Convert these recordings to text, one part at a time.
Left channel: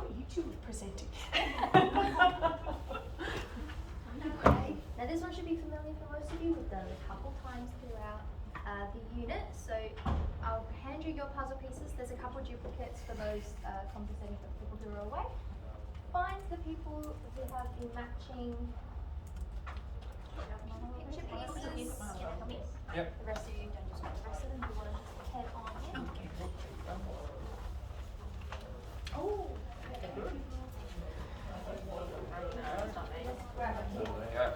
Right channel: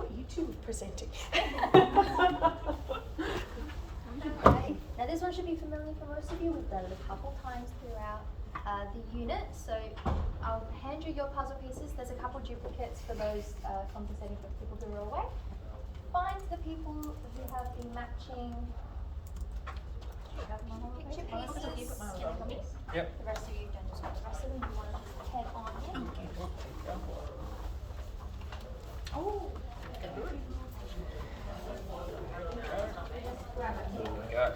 thought you two were presenting. Alrighty. Now this one should be familiar for most of you. We've done it a couple times throughout the unit. So I'll hand you your puzzle pieces. There's a couple duplicates for those compensating for people who are away. Find the people who have the matching picture pieces. Yep. The rest of you don't just want the rest of them. You want to just head on in. Oh. Yeah.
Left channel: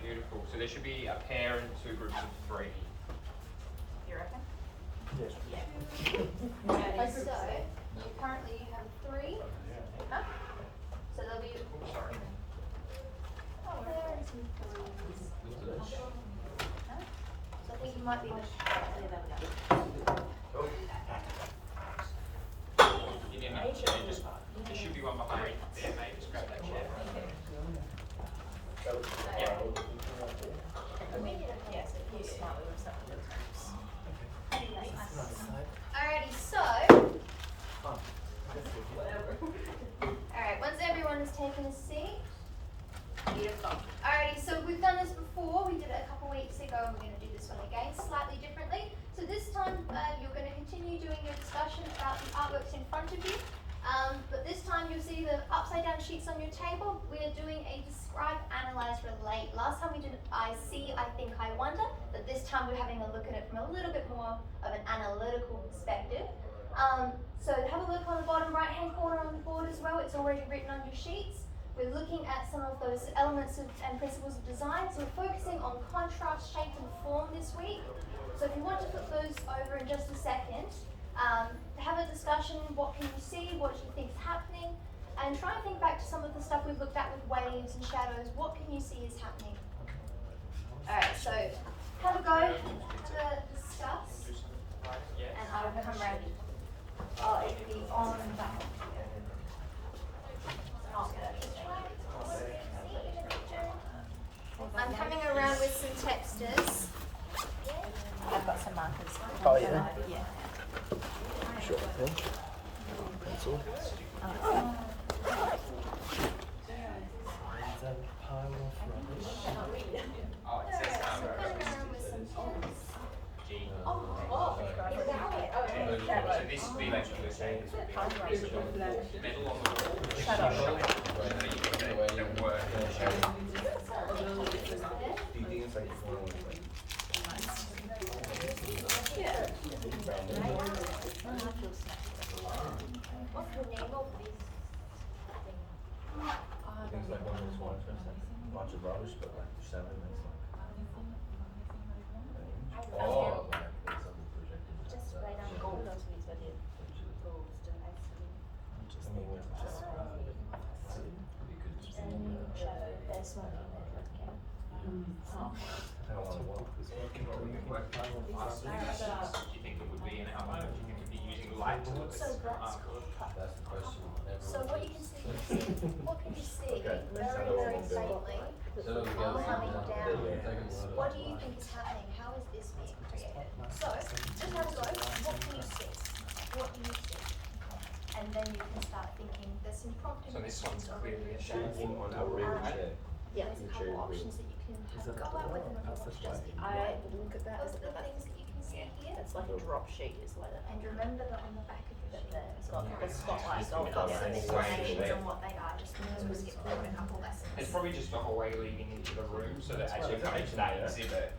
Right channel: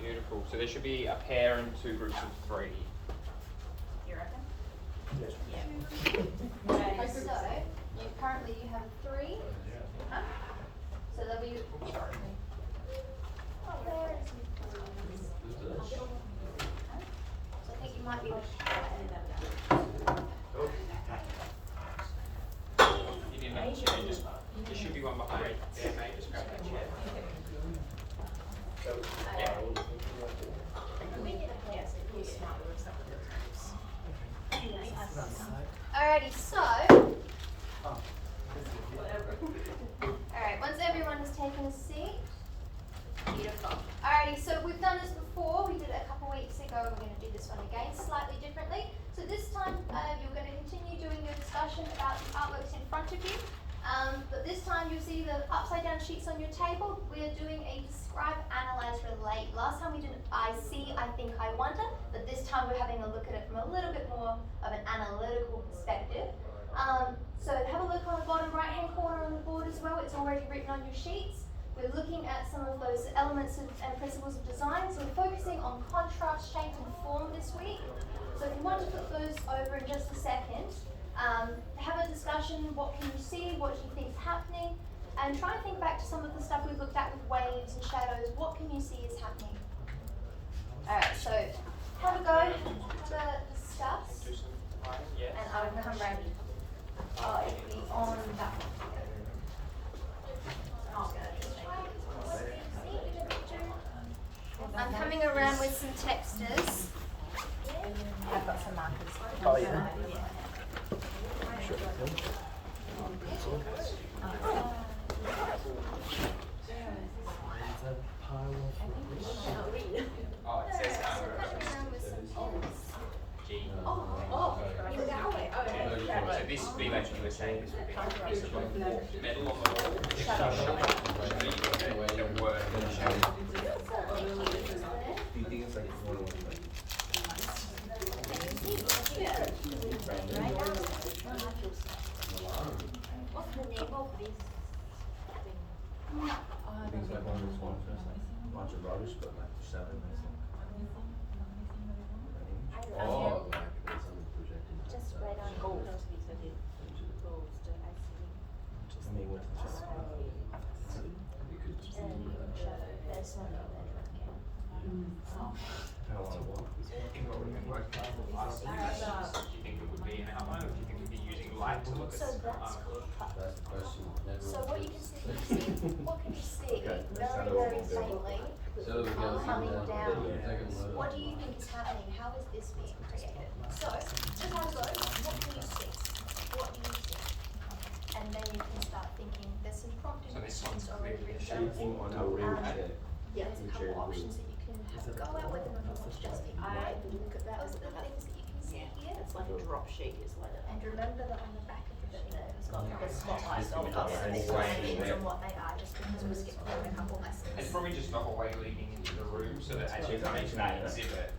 Beautiful. So there should be a pair and two groups of three. You reckon? Yeah. So you currently have three. Huh? So there'll be. Sorry. Oh, there is some threes. So I think you might be. You didn't have a chair, just there should be one behind there, mate. Just grab that chair. Yeah. Alrighty, so. Alright, once everyone has taken a seat. Beautiful. Alrighty, so we've done this before. We did it a couple weeks ago, and we're going to do this one again slightly differently. So this time you're going to continue doing your discussion about the artworks in front of you. But this time you'll see the upside down sheets on your table. We're doing a describe, analyze, relate. Last time we did I see, I think, I wonder. But this time we're having a look at it from a little bit more of an analytical perspective. So have a look on the bottom right hand corner on the board as well. It's already written on your sheets. We're looking at some of those elements and principles of design. So we're focusing on contrast, shape and form this week. So if you want to put those over in just a second, have a discussion. What can you see? What do you think is happening? And try and think back to some of the stuff we've looked at with waves and shadows. What can you see is happening? Alright, so have a go to discuss. And I'll come round. Oh, it'll be on that one. I'm coming around with some texters. I've got some markers. Oh, yeah. Yeah. Sure. That's all. Is that a pile of rubbish? Oh, it says G. So this would be like you were saying, this would be like a piece of like metal on the wall. So you get the word and the shadow. Do you think it's like more things like one of those ones where it's like a bunch of rubbish but like shadow missing? Oh, like it's on the projecting. Just right on gold. I mean, with the shadow. You could just do What would be worth trying with us? Do you think it would be an outline, or do you think we'd be using light to look at So this? that's That's the question. So what you can see, what can you see Okay. very, very faintly So we got coming down? Yeah. What do you think is happening? How is this being created? So, just have a go. What can you see? What do you see? And then you can start thinking, there's some prompting. So this one's already clearly a available. on our room chair. Yeah, there's a couple options that you can have a go at with and not just I look at that. those are the things that you can see here. It's like a drop sheet, is what it is. And remember that on the back of the sheet, It's got the spotlight got on some it. explanations on what they are, just because we skipped over a couple lessons. It's probably just the hallway leading into the room, so that as you come into that exhibit,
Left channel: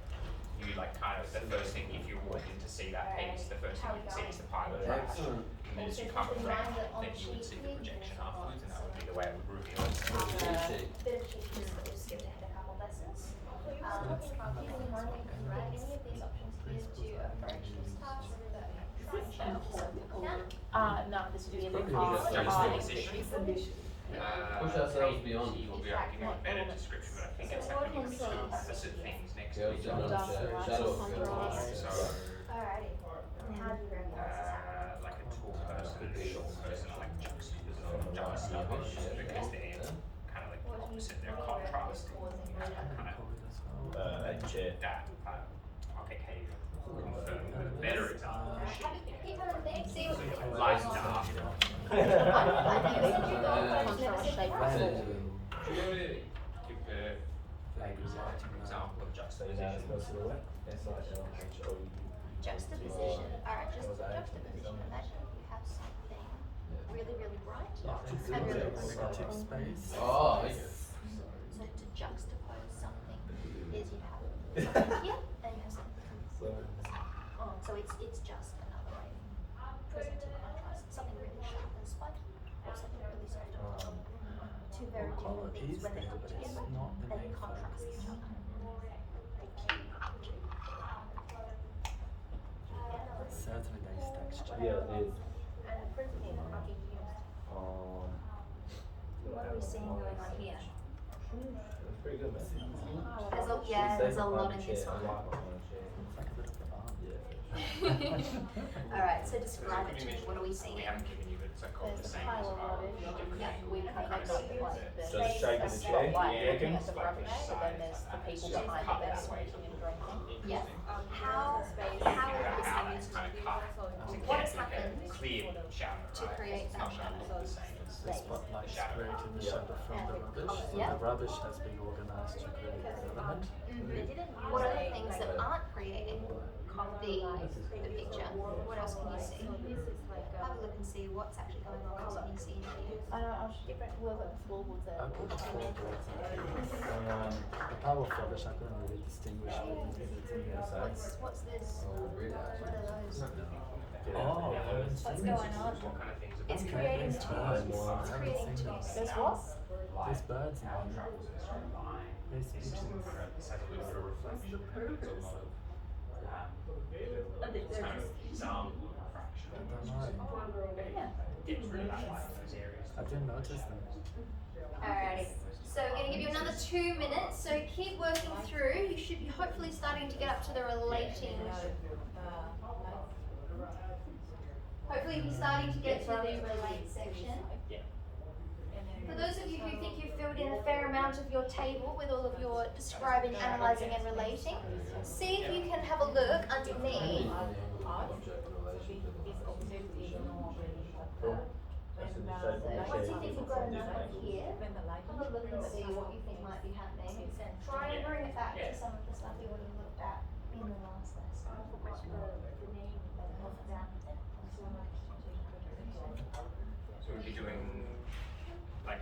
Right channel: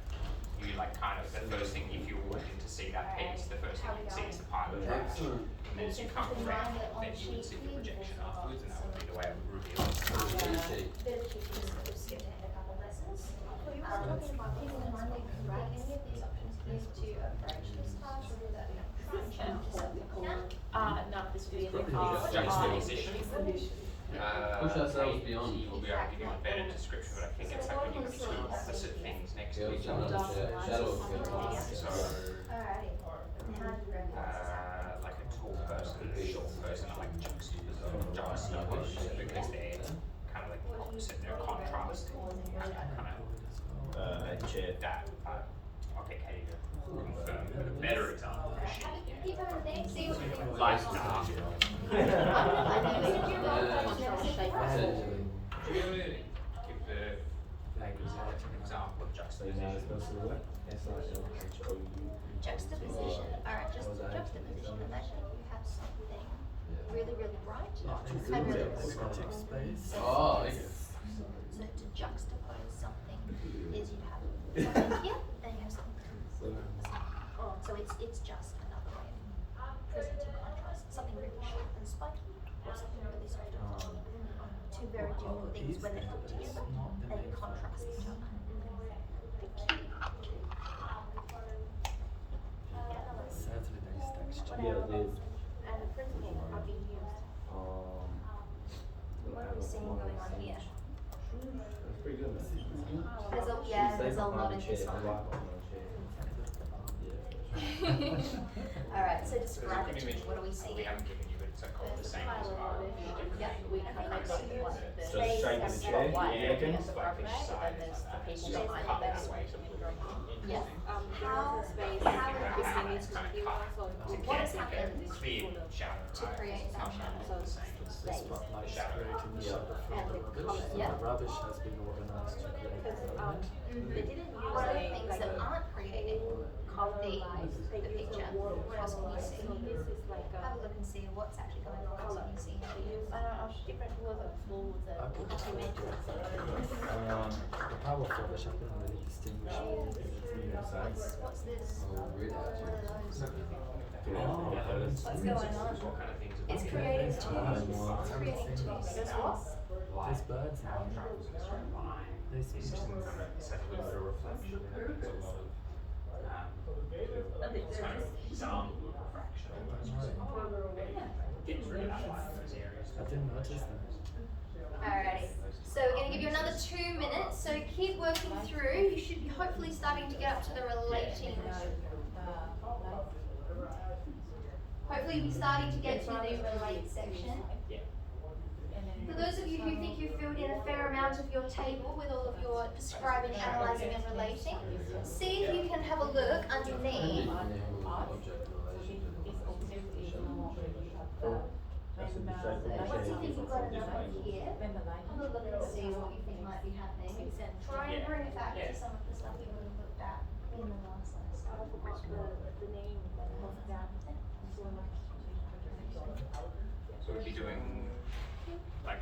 you like kind of, the first thing, if you walk in to see that piece, the first thing you can see is the pile of trash. And then as you come around, then you would see the projection afterwards, and that would be the way it would reveal it. Bit of pieces that we've skipped ahead a couple lessons. Keep in mind that you can write any of these options into a fractions task, but fraction is something called. No, this would be a big Probably part. Juxtaposition. Push ourselves beyond. He will be able to give you a better description, but I think it's like when you see opposite things next to each other. Shadows go on. So, Alrighty, and how do you recognize this happening? like a tall person and a short person are like juxtaposition, because they're kind of like opposite, they're contrast. That, okay, Katie, confirm with a better example. Keep them in things, see what you think. Light and dark. Contrast shape. Do you want to give the example of juxtaposition? Juxtaposition. Alright, just for juxtaposition, imagine we have something really, really bright and really small. Oh, okay. So to juxtapose something is you have something here and you have something here. So it's just another way of presenting contrast. Something really sharp and spiky or something really soft and fluffy. Two very different things when they put together and contrast each other. Certainly there is texture. Yeah, it is. And the principle how we use. What are we seeing going on here? That's pretty good, man. There's a lot in this one. Alright, so describe it to me. What are we We seeing? haven't given you, but it's called the same as well. Yeah. We can kind of see like the So the shape of the chair, white you area reckon? at the front there, but then there's the people So behind cut it that that's way to look Yeah. interesting. How It's kind of cut to What get has like happened a clear shadow, to right? create It's that not shadow? the same as The spotlight shadow. created the shadow from the rubbish. So Yeah. the rubbish has been organized to create the element. What are the things that aren't creating the picture? What else can you see? Have a look and see what's actually going on. What can you see in here? I don't know, different wheels on the floor with the. I put the floorboards on the power of rubbish I can really distinguish between the two sides. What's this? Oh, weird. What are those? Oh, I haven't What's seen going this. on? What kind of things are It's those? creating There's birds. two. I It's haven't creating seen two. this. There's what? There's birds in How it there. travels in a straight line. There's This pigeons. has a little bit of reflection. There's a lot of, it's kind of some refraction I almost. don't know. Get rid of that light in those areas. I didn't notice that. Alrighty. So we're going to give you another 2 minutes. So keep working through. You should be hopefully starting to get up to the relating. Hopefully you'll be starting to get to the relate section. Yeah. For those of you who think you've filled in a fair amount of your table with all of your describing, analysing and relating, see if you can have a look underneath. That's in the shape of the Once you chair. think you've got enough here, have a look and see what you think might be happening. Try and bring it back to some of the stuff we would have looked at in the last lesson. So if you're doing, like,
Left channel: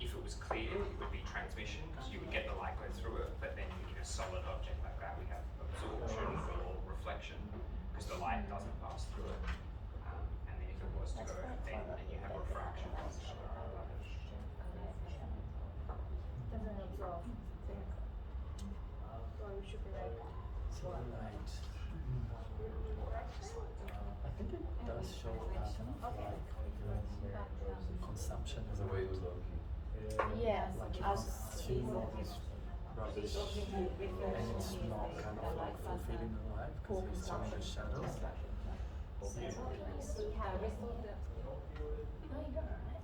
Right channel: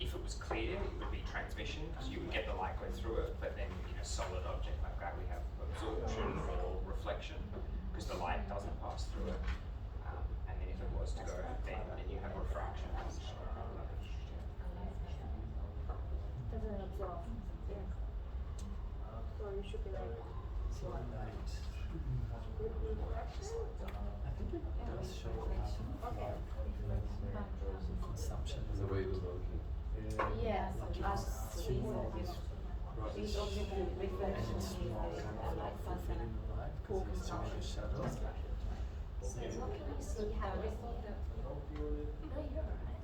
if it was clear, it would be transmission, because you would get the light going through it, but then in a solid object like that, we have absorption or reflection, because the light doesn't pass through it. And then if it was to go, then you have refraction. So light. I think it does show consumption is a way to Yeah. like you can see all this rubbish and it's not kind of like fulfilling the life because there's some of the shadows. No, you're alright.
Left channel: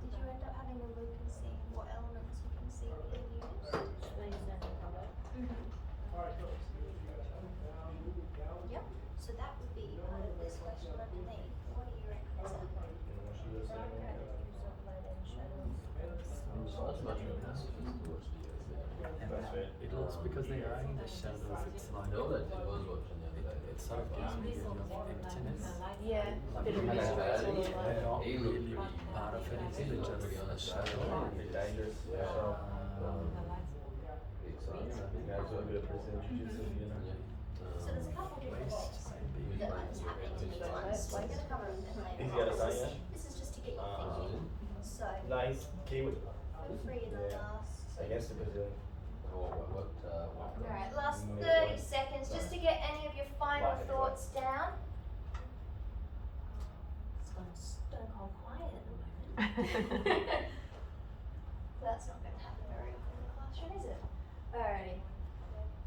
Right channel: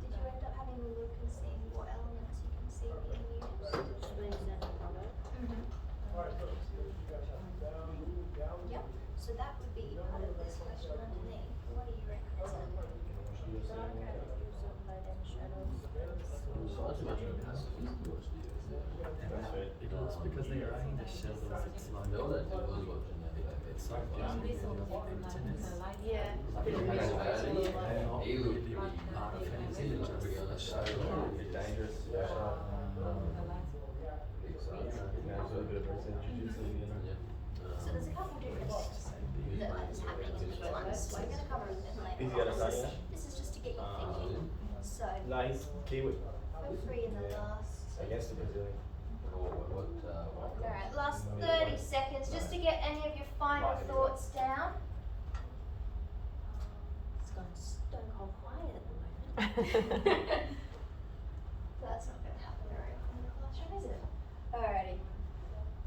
Did you end up having a look and seeing what elements you can see being used? Yep, so that would be part of this question underneath. What do you reckon? And it looks because they are in the shadows, it's like it sort of gives you a emptiness. Yeah. Like Bit of you're mystery not to all that. really part of anything, it's just a shadow. Dangerous. Yeah, it's a bit of percentage, So there's a couple different things Maybe. that's happening to these ones. We're going to cover them a bit later. He's got a This is- sign, This is just to get you thinking. So, No, he's Kiwi. feel free in the last. I guess it is. Alright, last 30 seconds just to get any of your final thoughts down. It's gone stone cold quiet at the moment. That's not going to happen very often in the classroom, is it? Alrighty.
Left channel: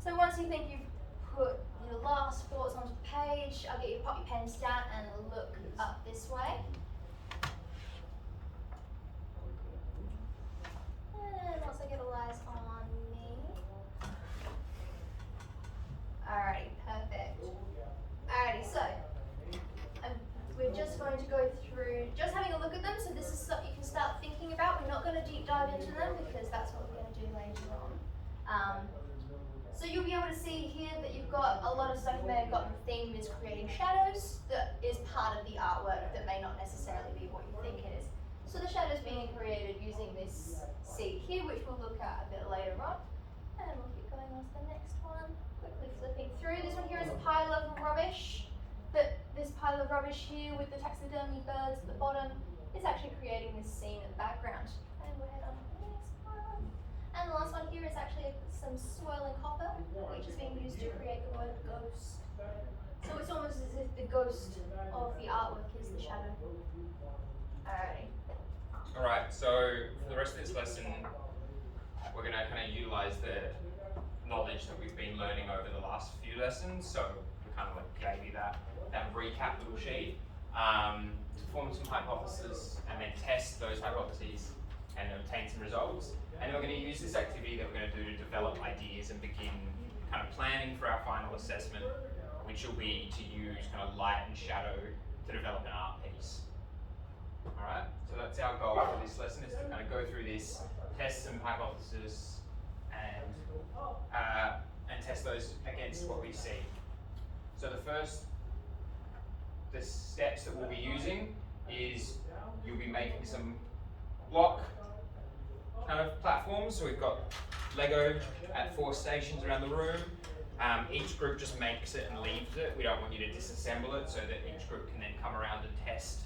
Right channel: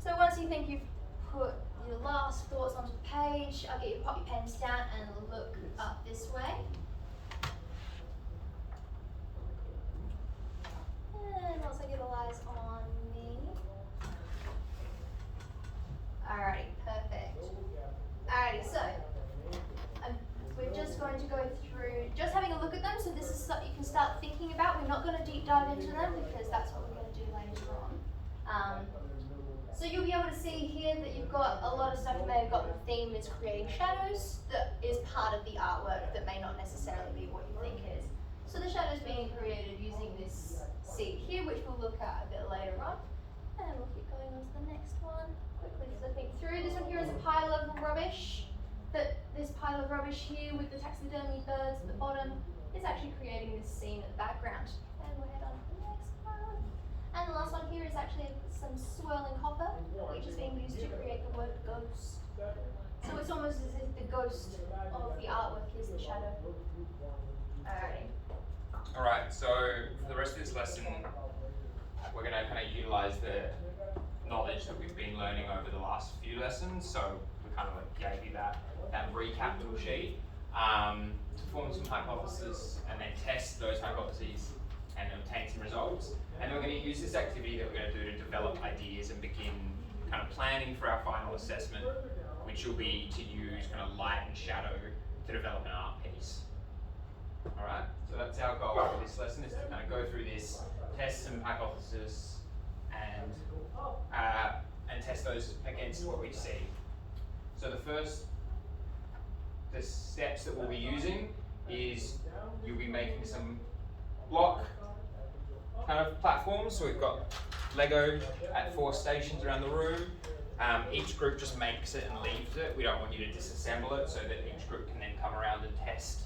So once you think you've put your last thoughts onto the page, I'll get you to pop your pens down and look up this way. And also get all eyes on me. Alrighty, perfect. Alrighty, so we're just going to go dive into them because that's what we're going to do later on. So you'll be able to see here that you've got a lot of stuff in there. You've got the theme is creating shadows that is part of the artwork that may not necessarily be what you think it is. So the shadows being created using this seed here, which we'll look at a bit later on. And we'll keep going on to the next one. Quickly flipping through. This one here is a pile of rubbish. This pile of rubbish here with the taxidermy birds at the bottom is actually creating this scene in the background. And we'll head on to the next one. And the last one here is actually some swirling copper, which is being used to create the word ghost. So it's almost as if the ghost of the artwork is the shadow. Alrighty. Alright, so for the rest of this lesson, we're going to kind of utilize the knowledge that we've been learning over the last few lessons. So we kind of like gave you that recap little sheet to form some hypotheses and then test those hypotheses and obtain some results. And then we're going to use this activity that we're going to do to develop ideas and begin kind of planning for our final assessment, which will be to use kind of light and shadow to develop an art piece. Alright, so that's our goal for this lesson, is to kind of go through this, test some hypotheses, and test those against what we see. So the steps that we'll be using is you'll be making some block kind of platforms. So we've got Lego at 4 stations around the room. Each group just makes it and leaves it. We don't want you to disassemble it so that each group can then come around and test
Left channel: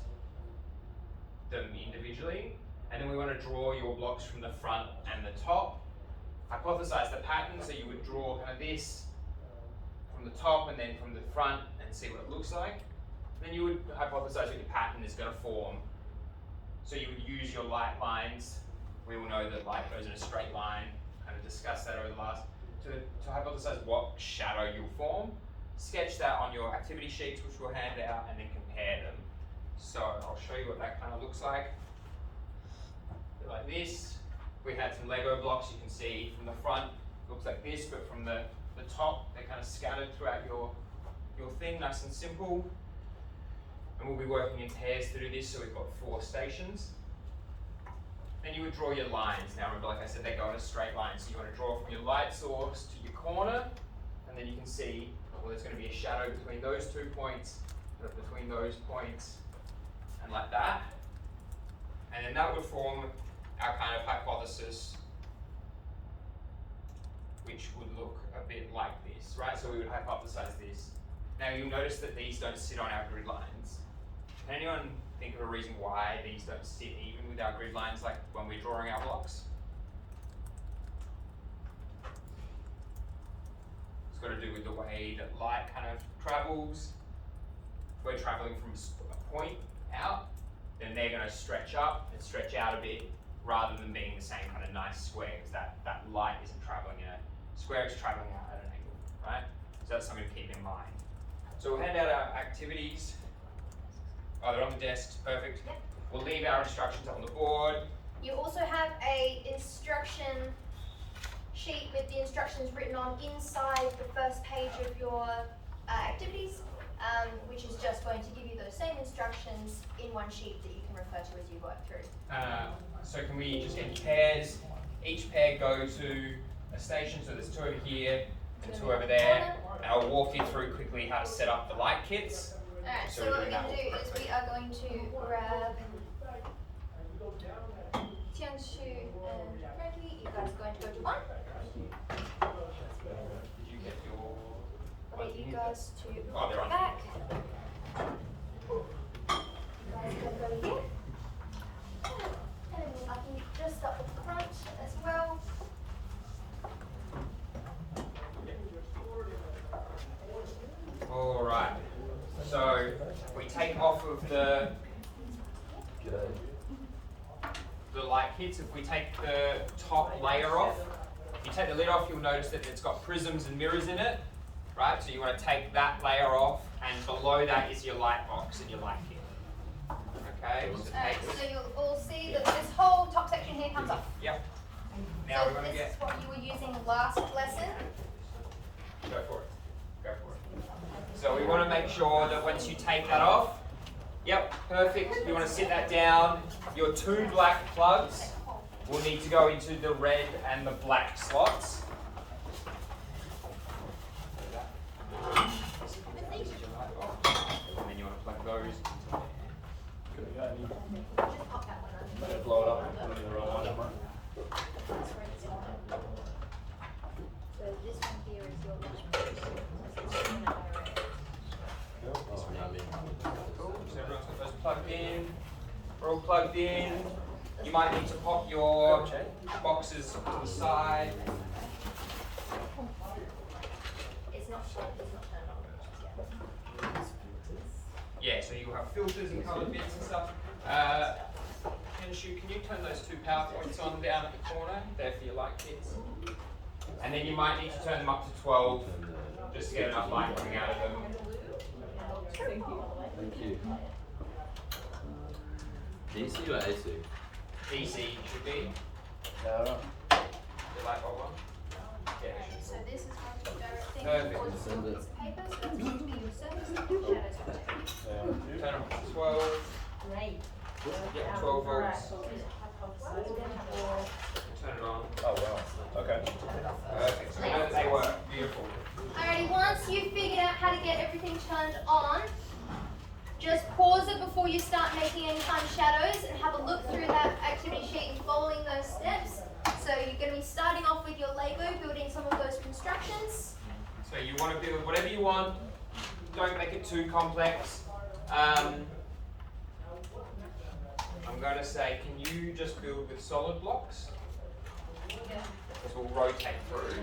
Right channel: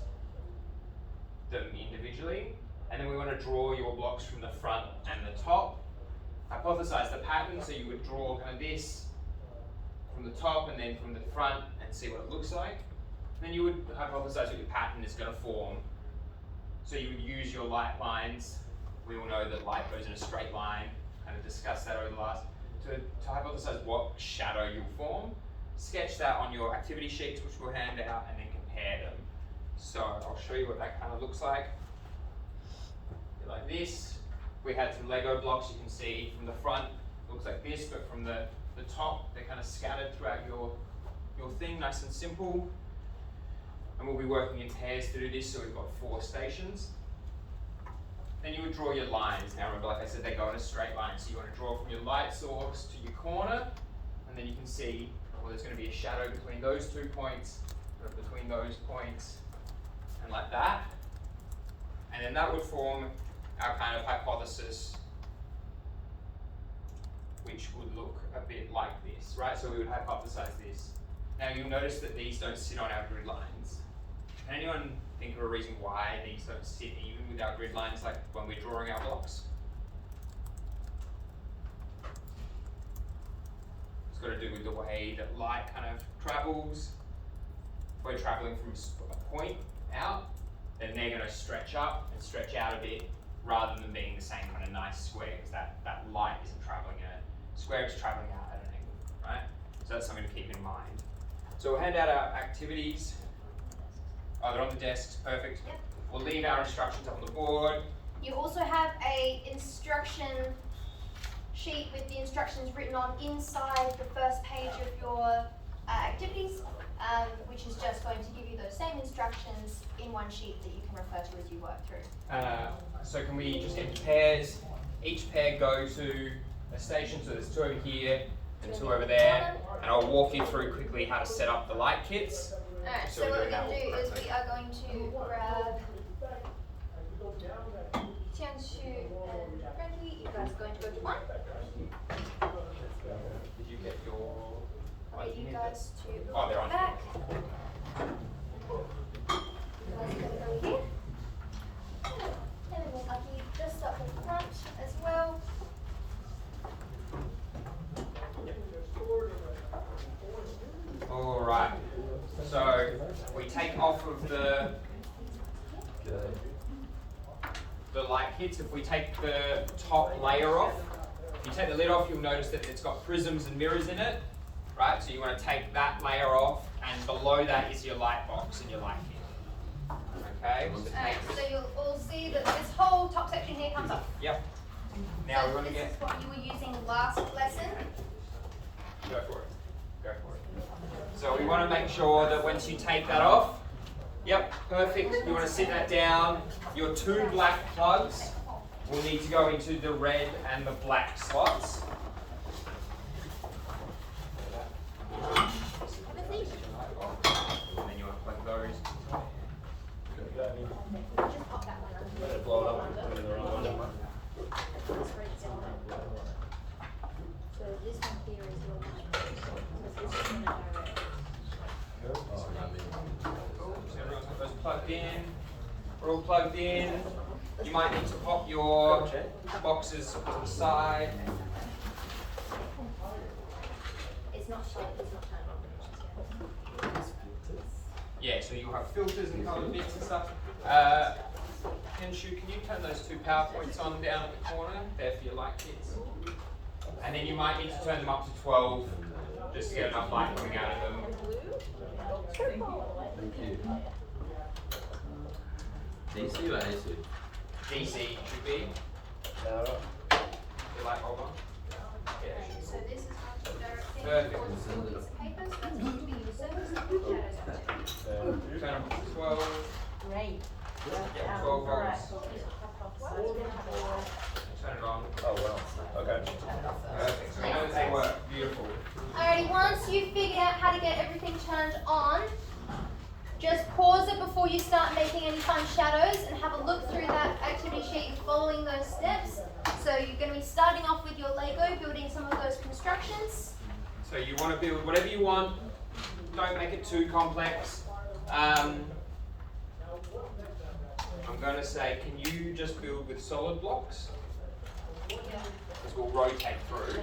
them individually. And then we want to draw your blocks from the front and the top. Hypothesize the pattern, so you would draw kind of this from the top and then from the front and see what it looks like. Then you would hypothesize what your pattern is going to form. So you would use your light lines. We all know that light goes in a straight line. Kind of discussed that over the last. To hypothesize what shadow you'll form. Sketch that on your activity sheets, which we'll hand out, and then compare them. So I'll show you what that kind of looks like. Like this. We had some Lego blocks you can see from the front. Looks like this, but from the top, they're kind of scattered throughout your thing, nice and simple. And we'll be working in pairs to do this, so we've got 4 stations. Then you would draw your lines. Now remember, like I said, they go in a straight line. So you want to draw from your light source to your corner, and then you can see, well, there's going to be a shadow between those 2 points, between those points, and like that. And then that would form our kind of hypothesis, which would look a bit like this, right? So we would hypothesize this. Now you'll notice that these don't sit on our grid lines. Can anyone think of a reason why these don't sit even with our grid lines, like when we're drawing our blocks? It's got to do with the way that light kind of travels. If we're traveling from a point out, then they're going to stretch up and stretch out a bit, rather than being the same kind of nice square, because that light isn't traveling in a square, it's traveling out at an angle, right? So that's something to keep in mind. So we'll hand out our activities. Oh, they're on the desks, perfect. Yep. We'll leave our instructions up on the board. You also have a instruction sheet with the instructions written on inside the first page of your activities, which is just going to give you those same instructions in one sheet that you can refer to as you work through. So can we just get pairs? Each pair go to a station, so there's 2 over here and 2 over there, and I'll walk you through quickly how to set up the light kits. Alright, So so we're what we're doing that going to do is correctly. we are going to grab Tianshu and Reggie. You guys are going to go to 1. Did you get your... I'll get you guys to Oh, they're on. back. You guys are going to go here. And then we'll up you just up the front as well. Alright, so we take off of the light kits. If we take the top layer off, if you take the lid off, you'll notice that it's got prisms and mirrors in it, right? So you want to take that layer off, and below that is your light box and your light kit. Okay, so Alright, take so this. you'll all see that this whole top section here comes off. Yep. Now So we want to this get... is what you were using last lesson. Go for it. Go for it. So we want to make sure that once you take that off, yep, perfect. You want to sit that down. Your 2 black plugs we'll need to go into the red and the black slots. And you want to put those. Just pop that one under. Blow it up and put it in the right one. So this one here is your this one So everyone's got those plugged in. We're all plugged in. You might need to pop your boxes to the side. it's not shaped, it's not turned on. Yeah, so you'll have filters and coloured bits and stuff. Kenshu, can you turn those two power points on down at the corner? They're for your light kits. And then you might need to turn them up to 12 just to get enough light coming out of them. Thank you. DC or AC? DC should be. Your light bulb on? Yeah, it should be. So this is going to be directing Perfect. towards the piece of paper, so it's going to be your surface and your shadows on it. Turn them up to 12. Great. Yeah, 12 volts. Turn it on. Oh, wow. Okay. Perfect. So we know that they work. Beautiful. Alrighty, once you've figured out how to get everything turned on, just pause it before you start making any fun shadows and have a look through that activity sheet and following those steps. So you're going to be starting off with your Lego, building some of those constructions. So you want to build whatever you want. Don't make it too complex. I'm going to say, can you just build with solid blocks? Because we'll rotate through.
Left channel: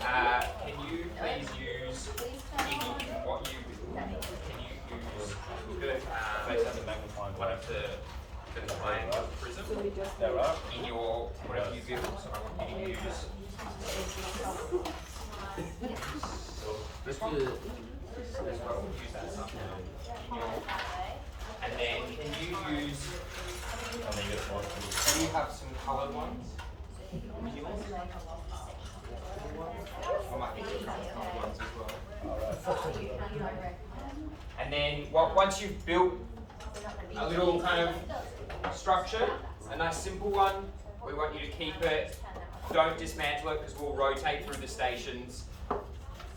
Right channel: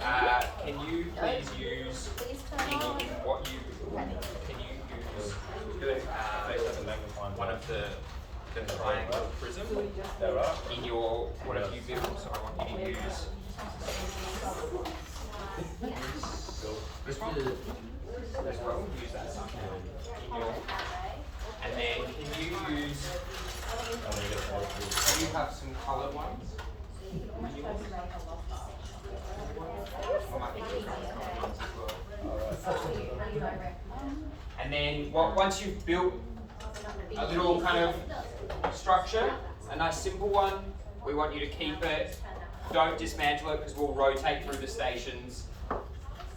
Can you please use Please turn on. in what you can you use one of the triangle prism in your whatever you build? So I want you to use this one. This one. Use that somehow in your. And then can you use? Do you have some coloured ones? And then once you've built a little kind of structure, a nice simple one, we want you to keep it. Don't dismantle it because we'll rotate through the stations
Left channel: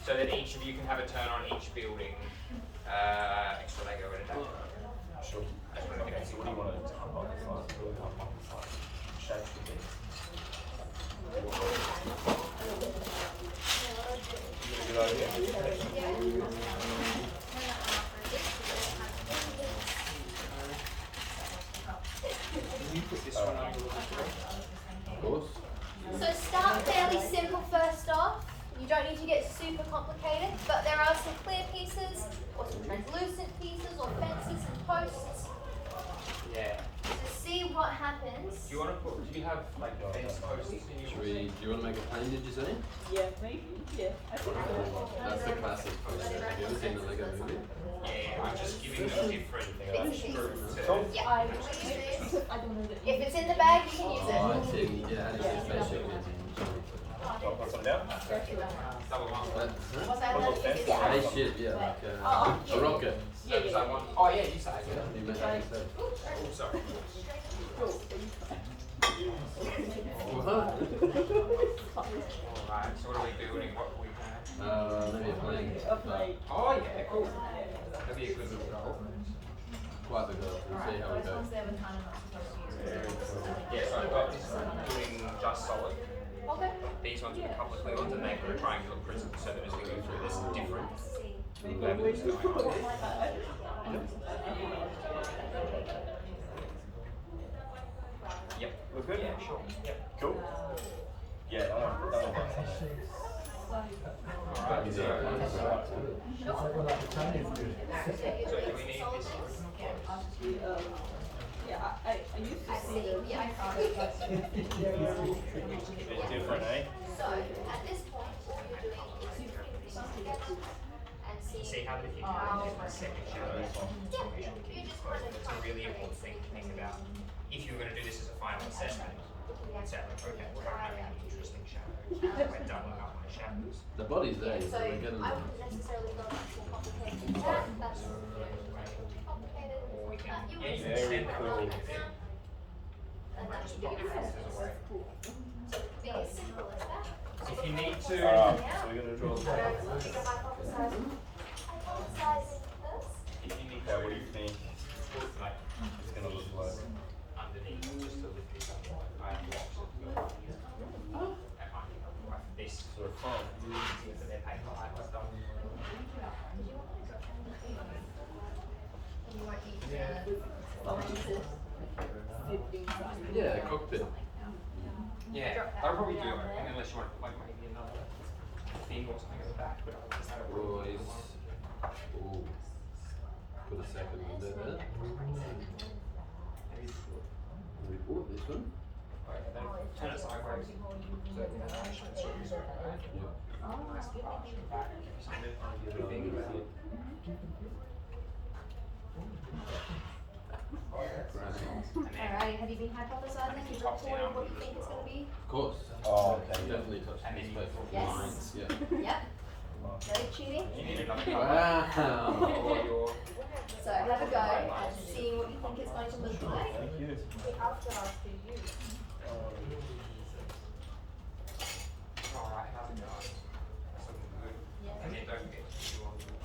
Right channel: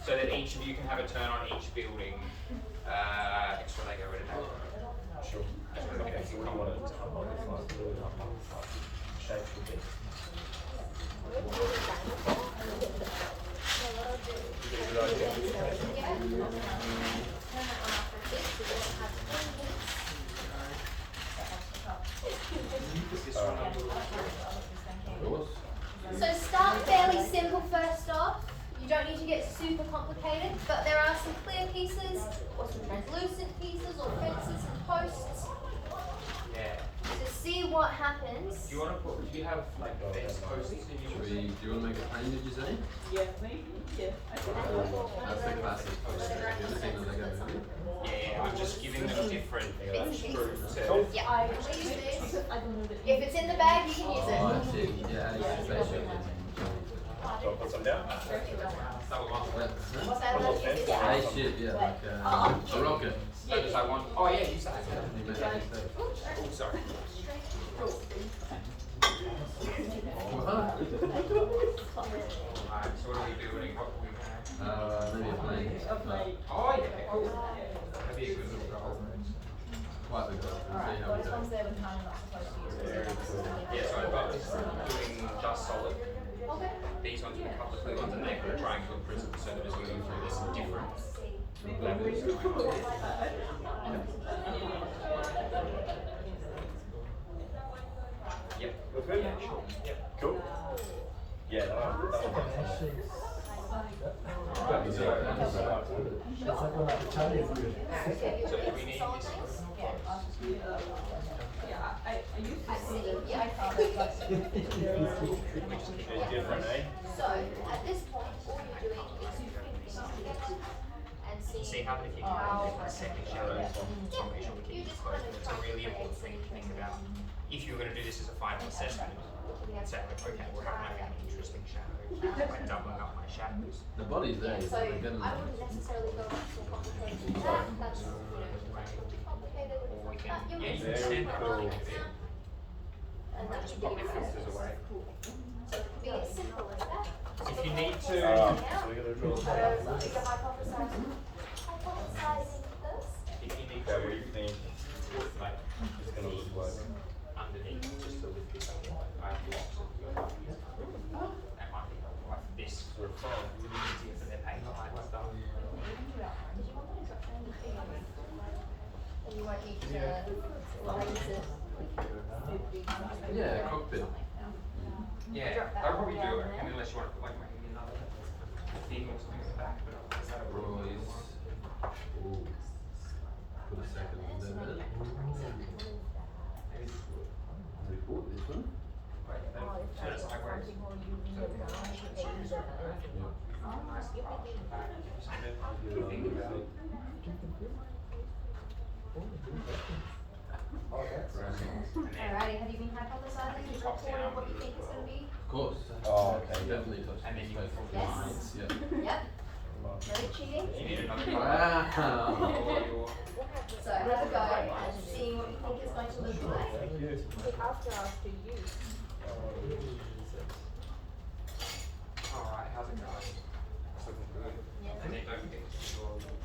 so that each of you can have a turn on each building. Extra Lego, where did that go? Sure. I just wanted to get everything covered. This one up. Of course. So start fairly simple first off. You don't need to get super complicated, but there are some clear pieces or some translucent pieces or fences and posts Yeah. to see what happens. Do you want to put? Do you have like fence posts in your? Do you want to make a plane, did you say? Yeah, maybe, yeah. That's the classic post. Have you ever seen the Lego movie? Yeah, I'm just giving them different Bits and pieces. screws. So Yeah, I please use this. I don't know the. If it's in the bag, you can use Oh, it. I see. Yeah, it's a spaceship. Put some down. double one. What's that? Is it Spaceship, yeah, like a rocket. That was like one. Oh yeah, you said it. You make that mistake. Oh, sorry. Alright, so what are we building? What we Maybe a plane. Oh yeah, cool. That'd be a good one. Quite the good. We'll see how it goes. Yeah, so I've got doing just solid. Okay. These ones are public blue ones and they're triangular prism, so that as we go through there's some different levels going on. Yep. Look good? Yeah, sure. Yep. Cool. Yeah. So do we need this? Yeah, I used to see. Yeah. I found it like. Different, eh? So at this point, all you're doing is you're putting pieces together and See seeing. how many people have different second shadows on combination we can use both. That's a really important thing to think about. If you were going to do this as a final assessment, you'd say like, okay, well, how can I make an interesting shadow by doubling up my shadows? The body's there. So You're good I enough. wouldn't necessarily go too complicated than that. That's, you know, too complicated. Or we can, You'll yeah, you can see extend that how a it little bit. is. and that should be Pop your your first. filters away. So it could be as simple as that. If you need So to, you're gonna draw So the pick up hypothesizing first. if you need Okay, what do you to, think like, it's gonna look like? underneath, just to lift this up, like, I have blocks of your ideas. That might be helpful, like this, Sort of fun. easier for their paper and stuff. Did you want me to drop down the feet? And you won't need to raise it 50, Yeah, cockpit. Yeah, Drop that that'll probably one do down it, there. unless you want to put like maybe another thing or something at the back, but that'll probably- Roy's. Ooh. Put a second in there. maybe- Ooh, this one? like, turn it sideways. Alright, have you been hypothesizing? You Top recorded down. what you think it's gonna be? Of course. Oh, okay. Definitely touch And then the you space. can draw Yes. Lines, yeah. Yep. No cheating? You need another colour. Wow. Or your, So have a go, seeing what you think it's going to look like. Thank you. alright, how's it going? It's looking good. Yeah. And then don't forget to do all your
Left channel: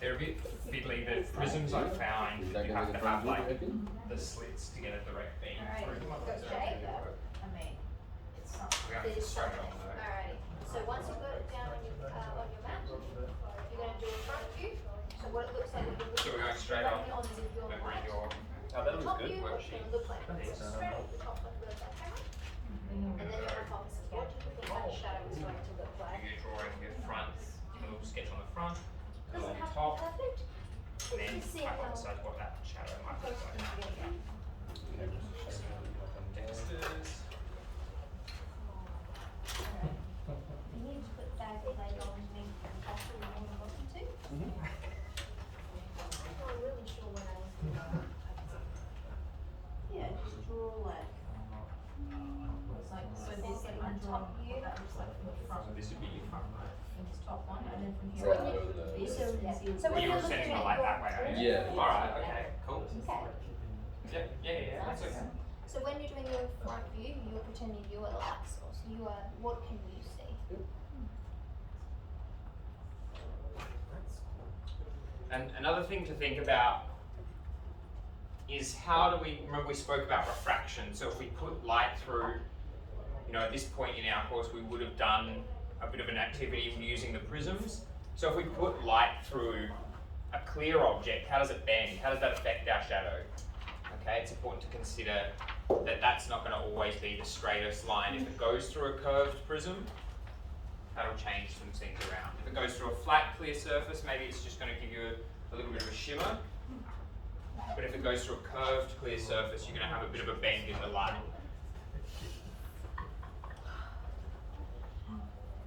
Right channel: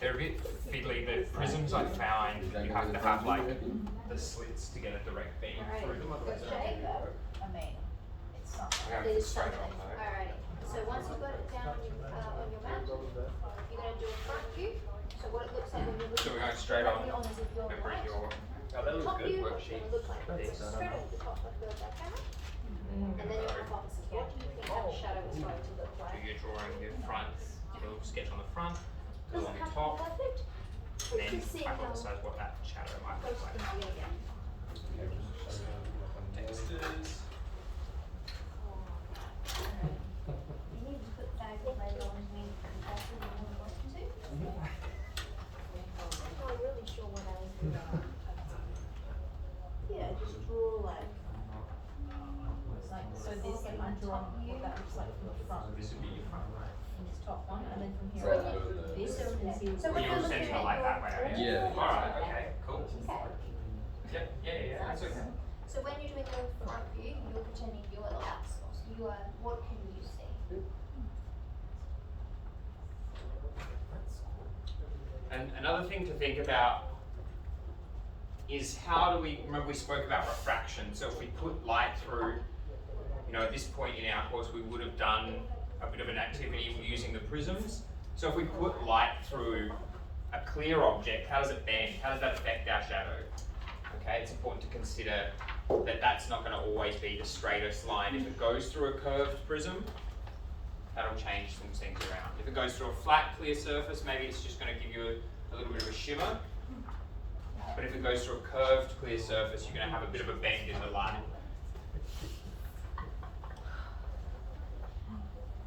they're a bit fiddly, the prisms I found, you have to have like the slits to get a direct beam through them. Good shape. We have to There's straight something. on though. Alrighty. So once you've got it down on your map, you're gonna do a front view. So what it looks like when you look So we're going straight on, directly as if you're then bring right. your Oh, that looks Top good. view, Worksheet. it'll look like This. this. Straight at the top like a real background. And then your hypothesis. What do you think that shadow is going to look So like? you're drawing your front, your little sketch on the front, Doesn't along the have to top, be perfect. and then Just see how hypothesize what that shadow might close look it like. can get. Textures. You need to put that later on me and after you want to listen to. I'm not really sure what else to do. Yeah, just draw like. So this like undrawn, what that looks like from the front, So this would be your front. from this top one, and then from here. So on, this so we can see. So when You're you're sending looking it like that way, right? Yeah. Alright, okay, cool. Okay. Yeah, that's okay. So when you're doing your front view, you're pretending you are the light source. You are, what can you see? And another thing to think about is how do we, remember we spoke about refraction, so if we put light through, you know, at this point in our course we would have done a bit of an activity using the prisms. So if we put light through a clear object, how does it bend? How does that affect our shadow? Okay, it's important to consider that that's not going to always be the straightest line. If it goes through a curved prism, that'll change some things around. If it goes through a flat, clear surface, maybe it's just going to give you a little bit of a shimmer. But if it goes through a curved, clear surface, you're going to have a bit of a bend in the light.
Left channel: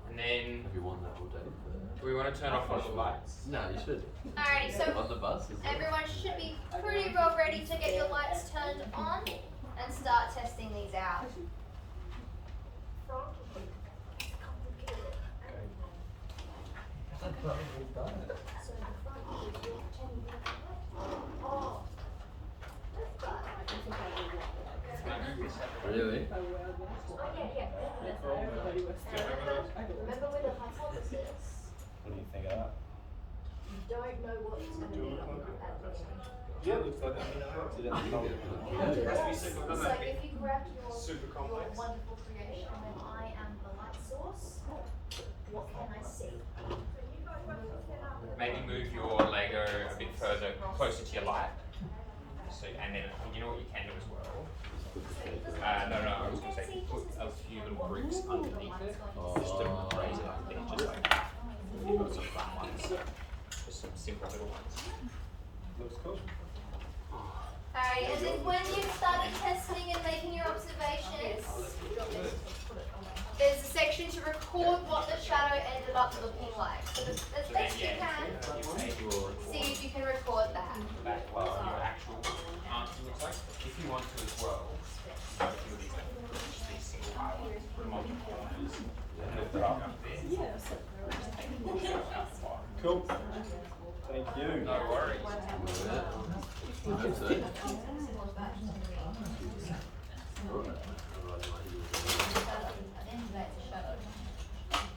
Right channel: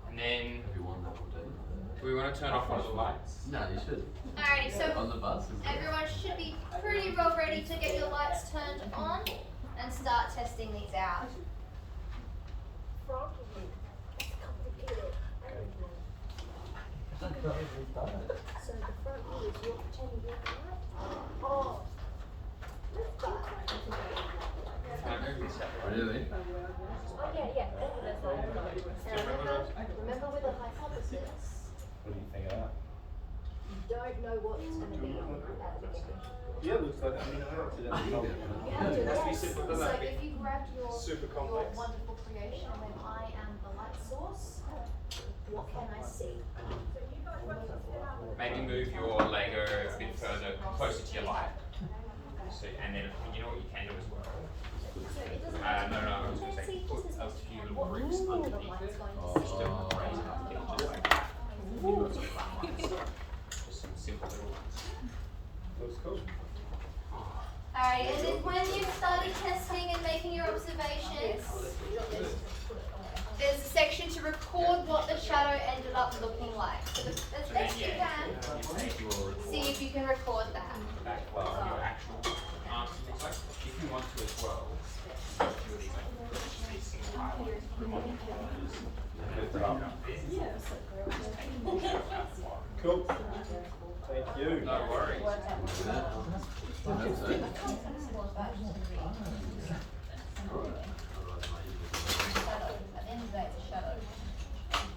And then, Everyone level down. do we want to turn off one of the lights? No, you should. Alrighty, so On the bus. Is it? everyone should be pretty well ready to get your lights turned on and start testing these out. Front view. Complicated. So the front view is you're pretending you're right. Oh. But. Can I move this up? Really? Oh yeah. Now remember with a hypothesis, What do you think of that? you don't know what it's going to be at the beginning. Yeah, looks like that. You have to It has to be guess. simple, It's doesn't like it? if you grabbed your Super complex. wonderful creation and went, I am the light source, what can I see? Maybe move your Lego a bit further, closer to your light. So, and then, you know what you can do as well? So it doesn't have to No, be I was going to fancy, say, just put as a if few what little bricks the underneath light's it. going Oh. to see. Just don't raise it up there, just like that. Just some simple little ones. Looks cool. Alright, and then when you've started testing and making your observations, there's a section to record what the shadow ended up looking like. So as So then, best you yeah, can, you take your see if you can record that. back, well, your actual answer looks Cool. Thank you. No worries.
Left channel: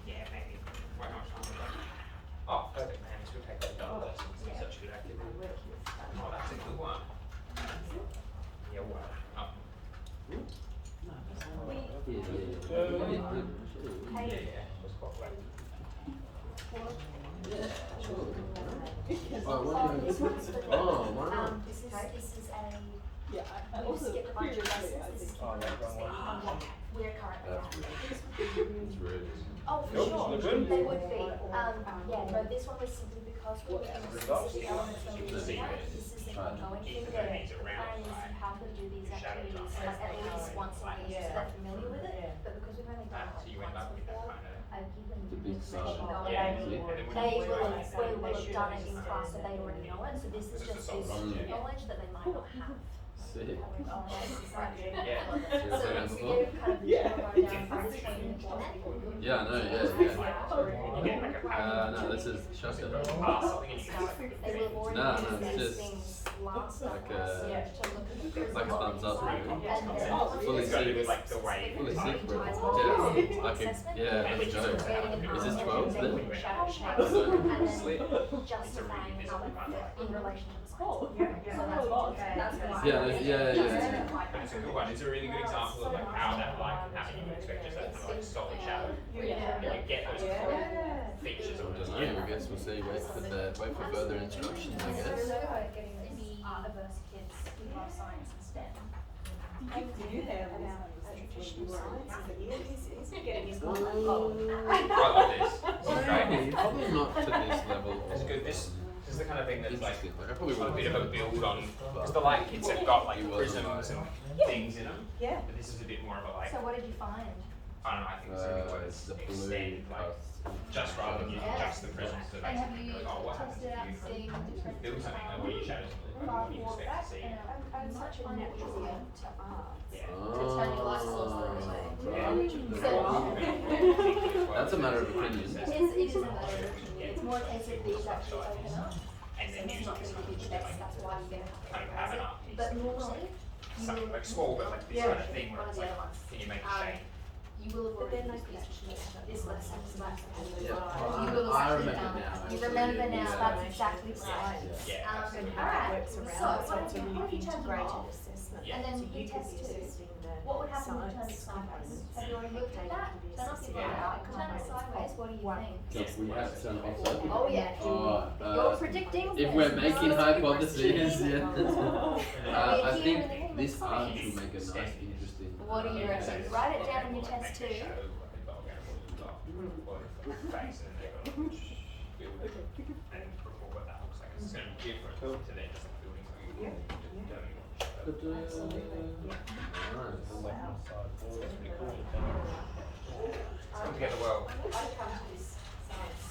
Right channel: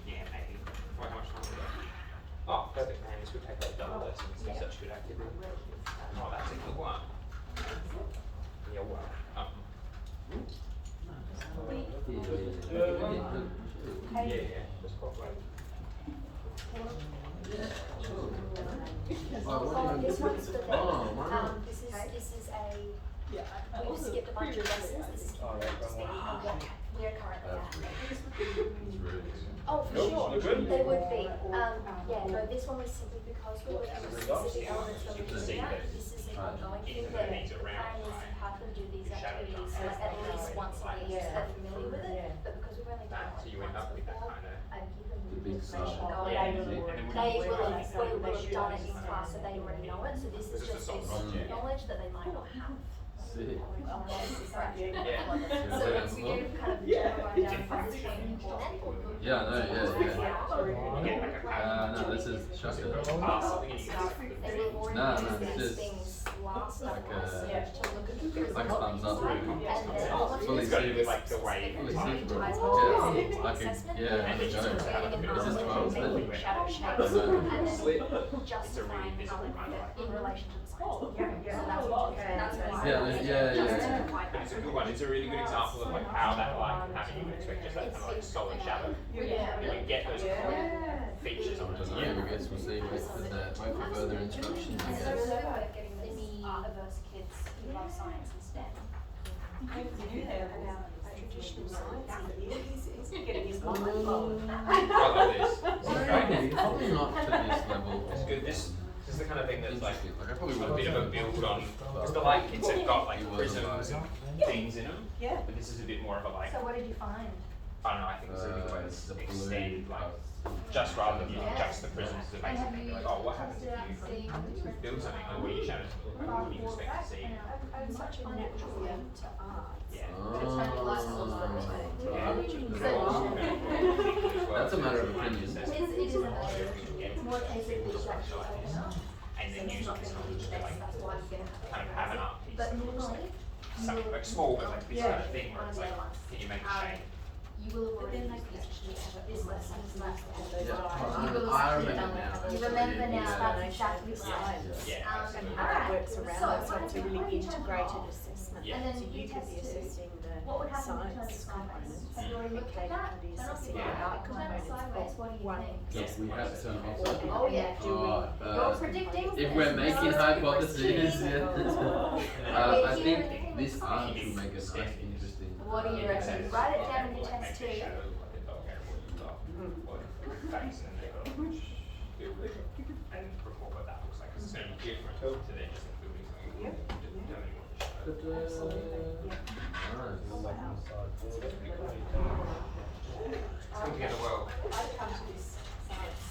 Yeah, maybe. How much time we got? Oh, perfect, man. This would take like double lessons. It's such good activity. Oh, that's a good one. Yeah, well. Yeah, just pop away. Oh, this one's for them. This is a, you skip a bunch of lessons, this is keeping up to speed on what we're currently at. Oh, for sure, they would be. Yeah, no, this one was simply because we're working with specific elements when we're doing that. This is an ongoing thing where the plan is to have them do these activities like at least once a week, so they're familiar with it. But because we've only done So you it end like up once with that before, kind of. I've given them big information side. going. Yeah, and then when They you will have done it in class, so they already know it, so this is This is just a this solid object. knowledge that they might not have. Sick. Yeah. So we give kind of general rundown for each one and implement. Yeah, no, yeah, You get like a pattern. no, this is shocking. Something you They will already No, use it's these just things last like night a- to look at the like a thumbs up. side, and then all of Fully this got to do with is like the way Fully like, synchronous. ties Yeah, into like a, assessment, yeah, And which it is goes creating out. an This is argument, 12, making isn't it? shadow shapes, Is it? and then It's a justifying really how they visible fit one. in relation to the science. So that's what that's why. Yeah, yeah. But it's a good one. It's a really good example of like how that like pattern you would expect just that kind of like solid shadow. And you get those kind of like features on it. Just, yeah, I guess we'll see. Wait for further instructions, I guess. So we're like getting the averse kids who love science and STEM. About traditional science and he's getting his mind blown. I love this. Probably not to this level. It's good. This is the kind of thing that's like Interesting. Like, I probably a would bit of a build on, because the light kids have got like prisms and things in them. Yeah. But this is a bit more of a like, So what did you find? I don't know, I think it's a really good way the to blue extend like, just rather than using just the prisms to basically be like, oh, what happens if you build something like where you shadows what do you expect to see? I'm such a natural to art. Yeah. That's a matter of opinion. It's more easy to And then use all this knowledge to like kind of have an art piece. But normally, Something like small, but like this kind of thing where it's like, can you make a shape? you will, but then I could actually have this lessons and that. I remember now. You remember now, that's exactly science. Yeah, And absolutely. how it works around it, so it's a really integrated assessment. Yeah. And then So you we could test be too. assessing What would the happen in terms of science sideways? components, And we and looked at Kate that, could be turn off assessing the the Yeah. art turn it components sideways, what do you one. think? Yes, we have some Or, awesome. Oh, yeah. Oh, You're predicting. if we're making hypotheses, yeah. I Here think in the this art will make a nice, interesting. What do you reckon? Write it down in your Like, test make the too. shadow look like a dog out of what you've got. Or the face, and then they've got to build it and record what that looks like. 'Cause it's going to be different to then just building something. Yeah. Just determining what the shadow But, looks like. It's come together well. I'd come to this science.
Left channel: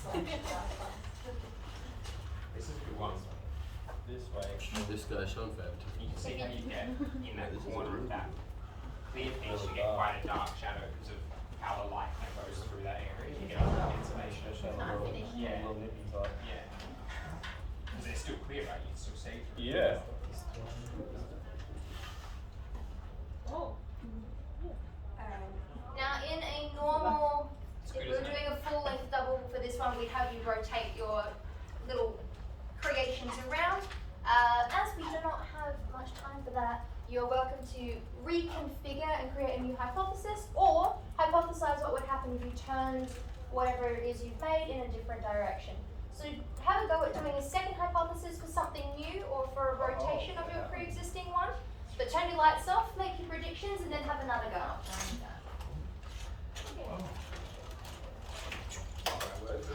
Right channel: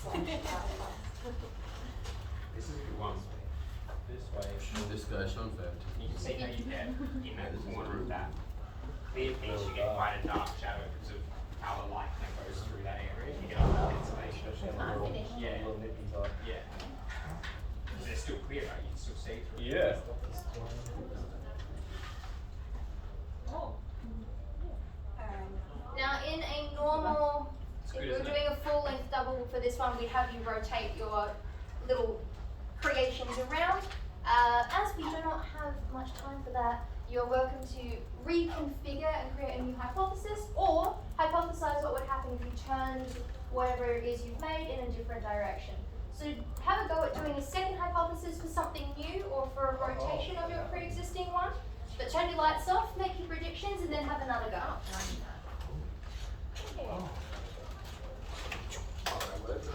This is a good one. This way. Discussion fact. You can see how you get in that corner of that clear piece, you get quite a dark shadow because of how the light then goes through that area. You get a cancellation. Yeah. Yeah. Because they're still clear, right? You can still see through. Yeah. Now, in a normal, if good, we were isn't it? doing a full length double for this one, we'd have you rotate your little creations around. As we do not have much time for that, you're welcome to reconfigure and create a new hypothesis, or hypothesize what would happen if you turned whatever it is you've made in a different direction. So have a go at doing a second hypothesis for something new or for a rotation of your pre-existing one. But turn your lights off, make your predictions, and then have another go.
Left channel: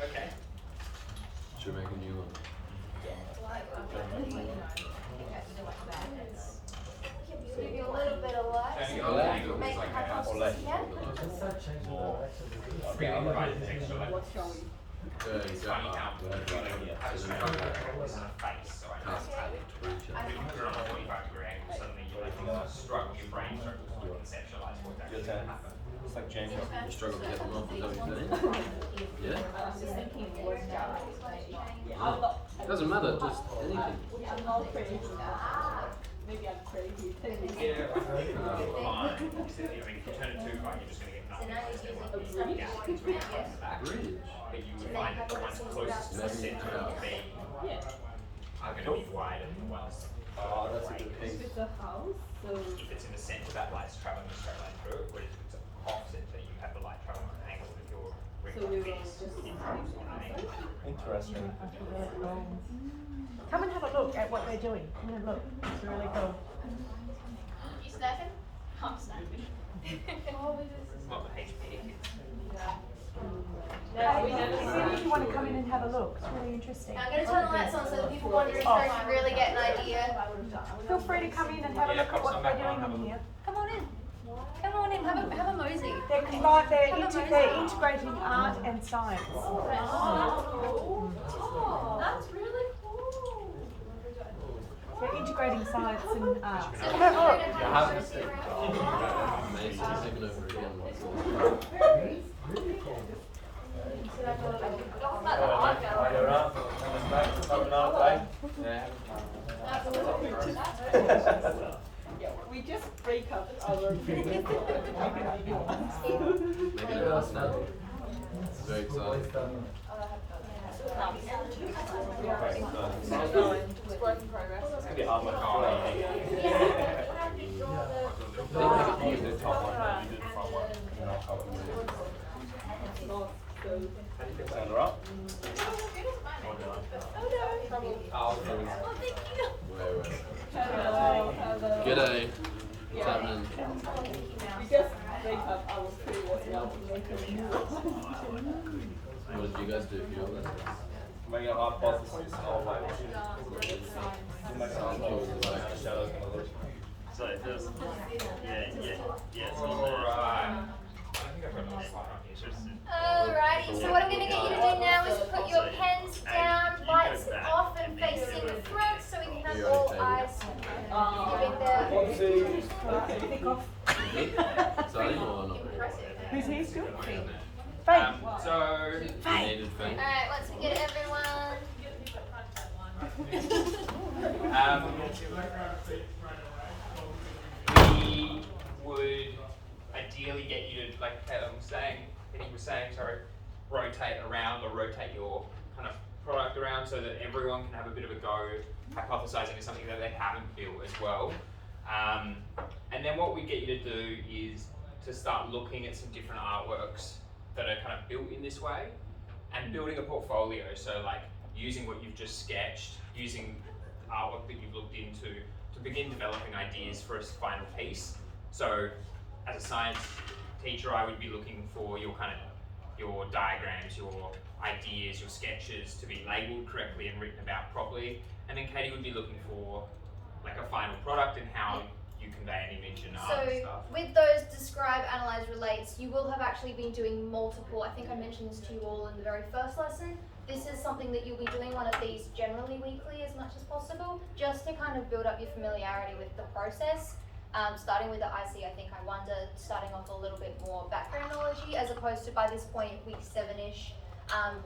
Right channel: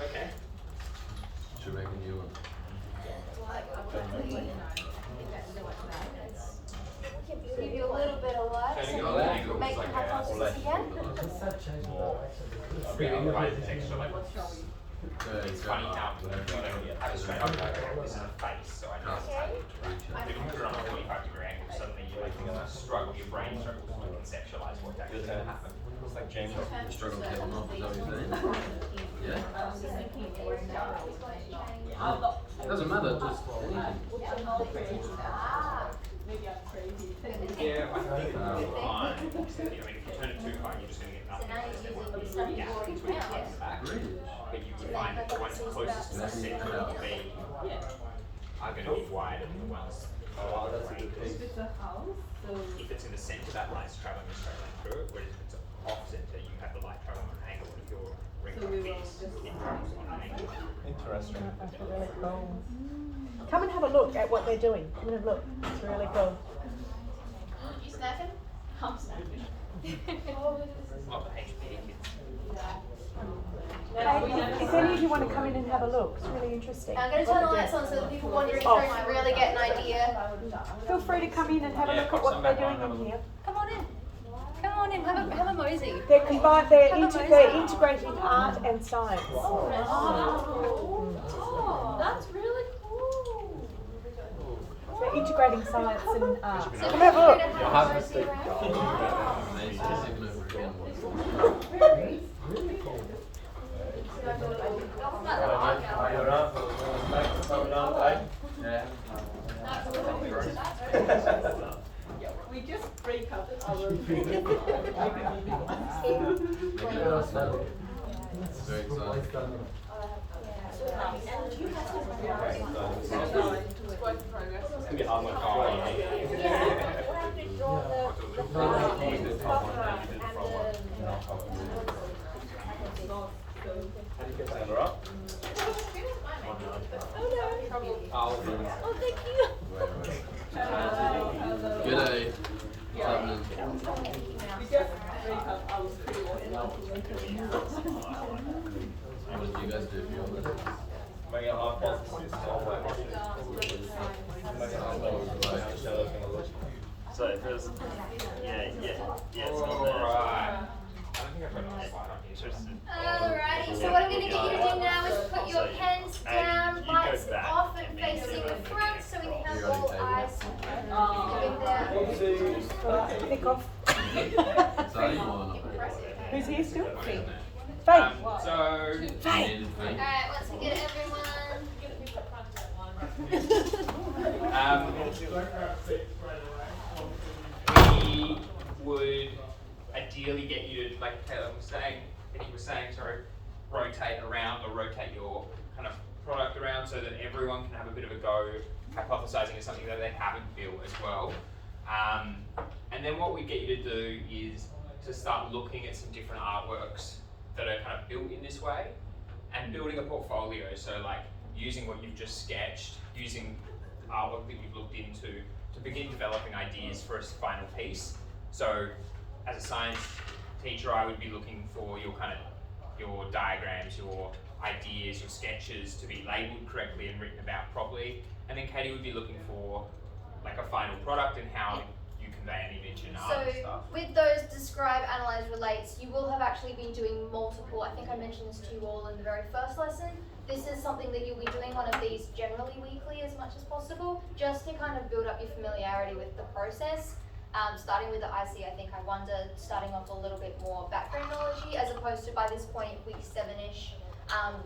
Okay. Should make a new one. Give you a little bit of light. So you so got you a can angle make like the that, or hypothesis left. again. Really right texture level. So, It's funny how we have a straight on this in the face, so I know it's kind of interaction. When you put it on a 45-degree angle, suddenly you like struggle, your brain struggles to conceptualize what's actually going to happen. So Looks like Jamie. I struggle to take them off, is that what you're saying? Yeah. It doesn't matter, just anything. Yeah, I think fine. I mean, if you turn it too far, you're just going to get nothing. Because there won't be gaskets when you come in the back. But you would find that the ones closest to the centre of the beam are going to be wider than the ones further away. If it's in the centre, that light's travelling a straight line through it. Whereas if it's off centre, you have the light travelling on an angle. If your ring piece, it travels on an angle. Interesting. Come and have a look at what they're doing. Come and have a look. It's really cool. You snacking? I'm snacking. Not the HPA kids. If any of you want to come in and have a look, it's really interesting. I'm going to turn the lights on so that people wondering can really get an idea. Feel free to come in and have a look at what they're doing in here. Come on in. Come on in, have a mosey. They're combined, they're integrating art and science. That's really cool. They're integrating science and art. So Come have a look. I have to stick amazing, just even over again. We just recovered our Very exciting. Oh, thank you. G'day. What's happening? We just recovered our previous What did you guys do for your lessons? Make an art box. It's all white. So just, yeah. Alright. I don't think I've got another slide on here. So just, Alrighty, so what I'm going to get you to do now is put your pens down, lights off and facing the front so we can have all eyes giving the Pick off. Exciting or not? impressive. Who's here still? Faith. so, Needed thing. Alright, once we get everyone. we would ideally get you to, like Taylor was saying, and he was saying, sorry, rotate around or rotate your kind of product around so that everyone can have a bit of a go hypothesizing is something that they haven't built as well. And then what we get you to do is to start looking at some different artworks that are kind of built in this way and building a portfolio. So like using what you've just sketched, using artwork that you've looked into to begin developing ideas for a final piece. So as a science teacher, I would be looking for your your diagrams, your ideas, your sketches to be labeled correctly and written about properly. And then Katie would be looking for like a final product and how you convey an image and art and So stuff. with those describe, analyze, relates, you will have actually been doing multiple, I think I mentioned this to you all in the very first lesson. This is something that you'll be doing one of these generally weekly as much as possible, just to kind of build up your familiarity with the process. Starting with the IC, I think I wonder, starting off a little bit more background knowledge as opposed to by this point, week 7-ish,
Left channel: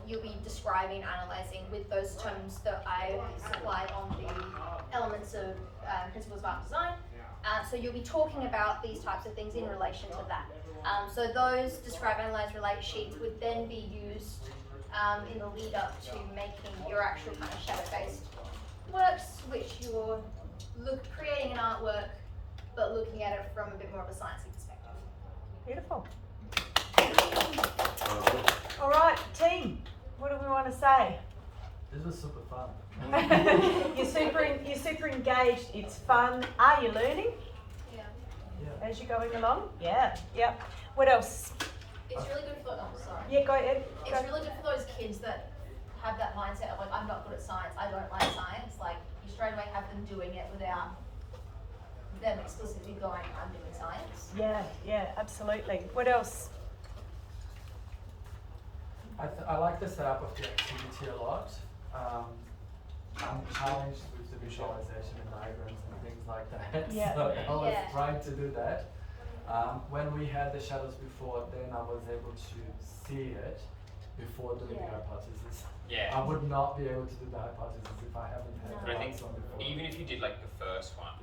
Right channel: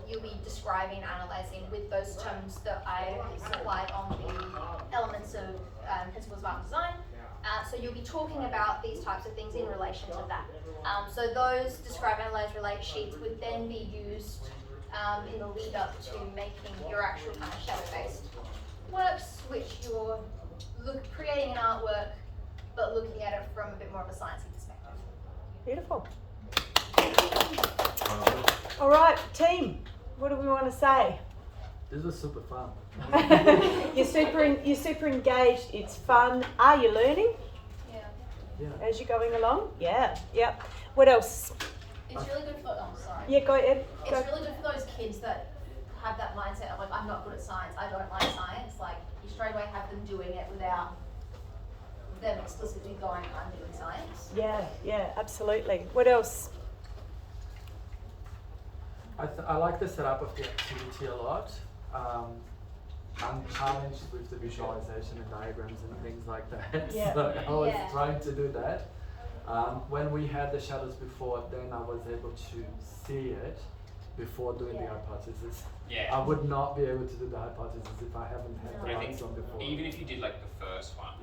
you'll be describing, analysing with those terms that I supplied on the elements of Principles of Art Design. So you'll be talking about these types of things in relation to that. So those describe, analyse, relate sheets would then be used in the lead up to making your actual kind of shadow-based works, which you're creating an artwork, but looking at it from a bit more of a sciencey perspective. Beautiful. All right, team, what do we want to say? This was super fun. You're super engaged. It's fun. Are you learning Yeah. as you're going along? Yeah. Yep. What else? It's really good for, sorry. Yeah, go ahead. It's really good for those kids that have that mindset of like, I'm not good at science, I don't like science. Like, you straight away have them doing it without them explicitly going, I'm doing science. Yeah, absolutely. What else? I like the setup of the activity a lot. I'm challenged with the visualization and diagrams and things like that. Yeah. So I was Yeah. trying to do that. When we had the shadows before, then I was able to see it before doing the Yeah. hypothesis. Yeah. I would not be able to do the hypothesis if I haven't had But the I think lights on before. even if you did like the first one,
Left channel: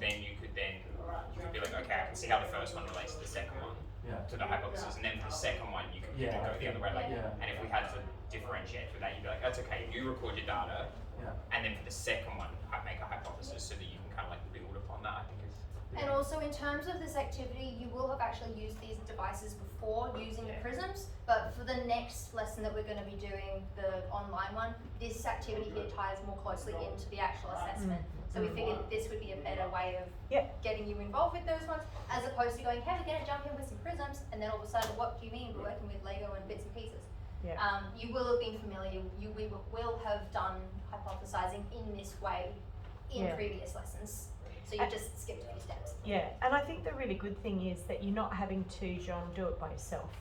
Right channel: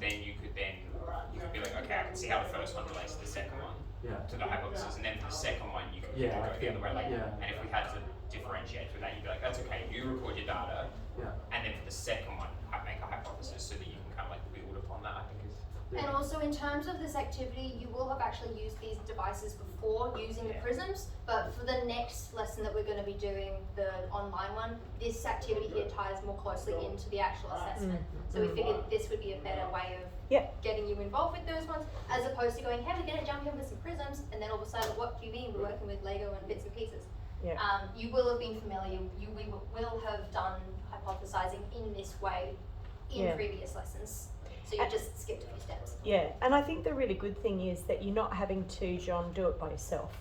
then you could be like, okay, I can see how the first one relates to the second one, Yeah. to the hypothesis, and then for the second one you could Yeah, go I the other way. Like, yeah. and if we had to differentiate through that, you'd be like, that's okay. You record your data, Yeah. and then for the second one, I make a hypothesis so that you can kind of like build upon that. I think is Yeah. And also in terms of this activity, you will have actually used these devices before using the prisms, but for the next lesson that we're going to be doing, the online one, this activity here ties more closely into the actual assessment. So we figured this would be a better way of getting you involved with those ones, as opposed to going, hey, we're going to jump in with some prisms, and then all of a sudden, what do you mean we're working with Lego and bits and pieces? Yeah. You will have been familiar, we will have done hypothesizing in this way in Yeah. previous lessons. So you just skipped a few steps. Yeah, and I think the really good thing is that you're not having to, John, do it by yourself.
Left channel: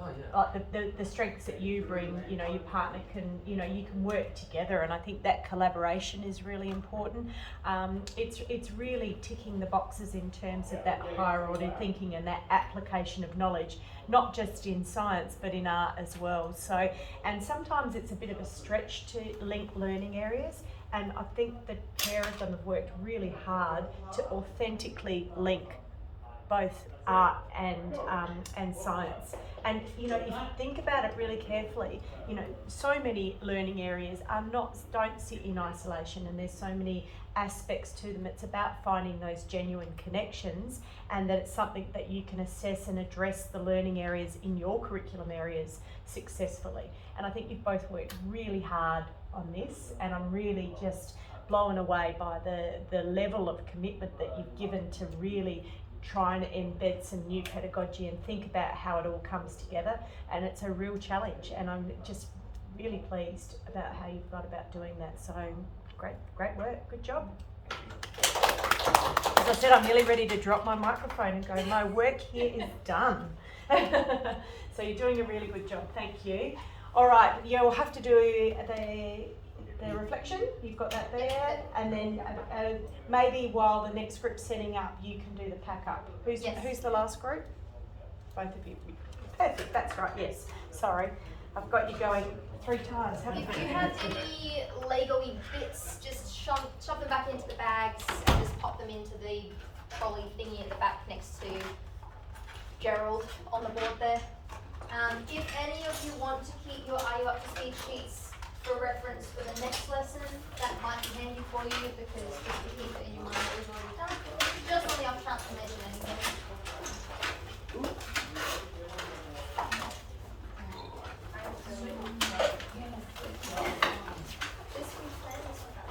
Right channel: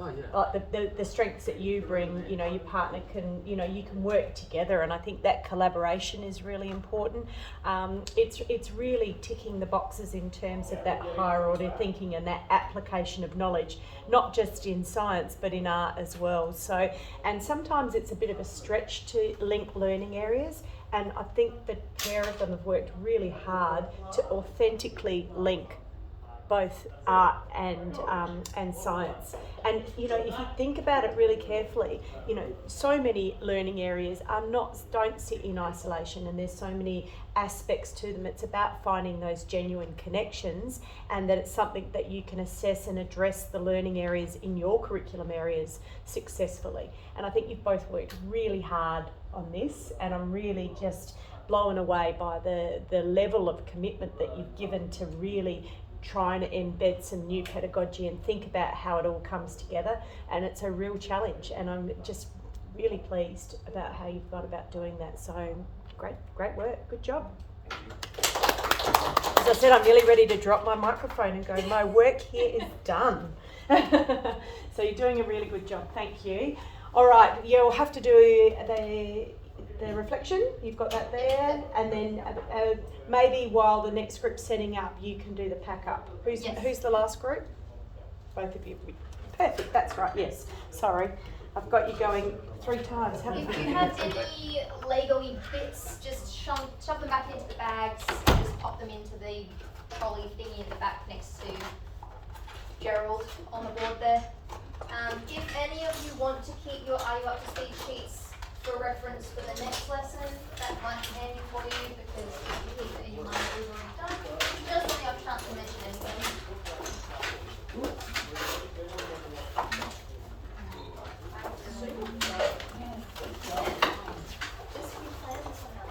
Oh yeah. Like the strengths that you bring, you know, your partner can, you know, you can work together, and I think that collaboration is really important. It's really ticking the boxes in terms of that higher order thinking and that application of knowledge, not just in science but in art as well. So, and sometimes it's a bit of a stretch to link learning areas. And I think the pair of them have worked really hard to authentically link both art and science. And you know, if you think about it really carefully, you know, so many learning areas don't sit in isolation, and there's so many aspects to them. It's about finding those genuine connections, and that it's something that you can assess and address the learning areas in your curriculum areas successfully. And I think you've both worked really hard on this, and I'm really just blown away by the level of commitment that you've given to really trying to embed some new pedagogy and think about how it all comes together. And it's a real challenge, and I'm just really pleased about how you've gone about doing that. So great work, good job. As I said, I'm nearly ready to drop my microphone and go, my work here is done. So you're doing a really good job, thank you. All right, you'll have to do the reflection, you've got that there, and then maybe while the next group's setting up, you can do the pack up. Who's the last group? Both of you. Perfect, that's right, yes. Sorry, I've got you going 3 times, haven't If I? you have any Lego-y bits, just shove them back into the bags, and just pop them into the trolley thingy at the back next to Gerald on the board there. If any of you want to keep your Are You Up to Speed sheets for reference for the next lesson, that might be handy for you, because just to keep it in your mind what we've already done, just on the off chance to mention anything. Just declare this one up.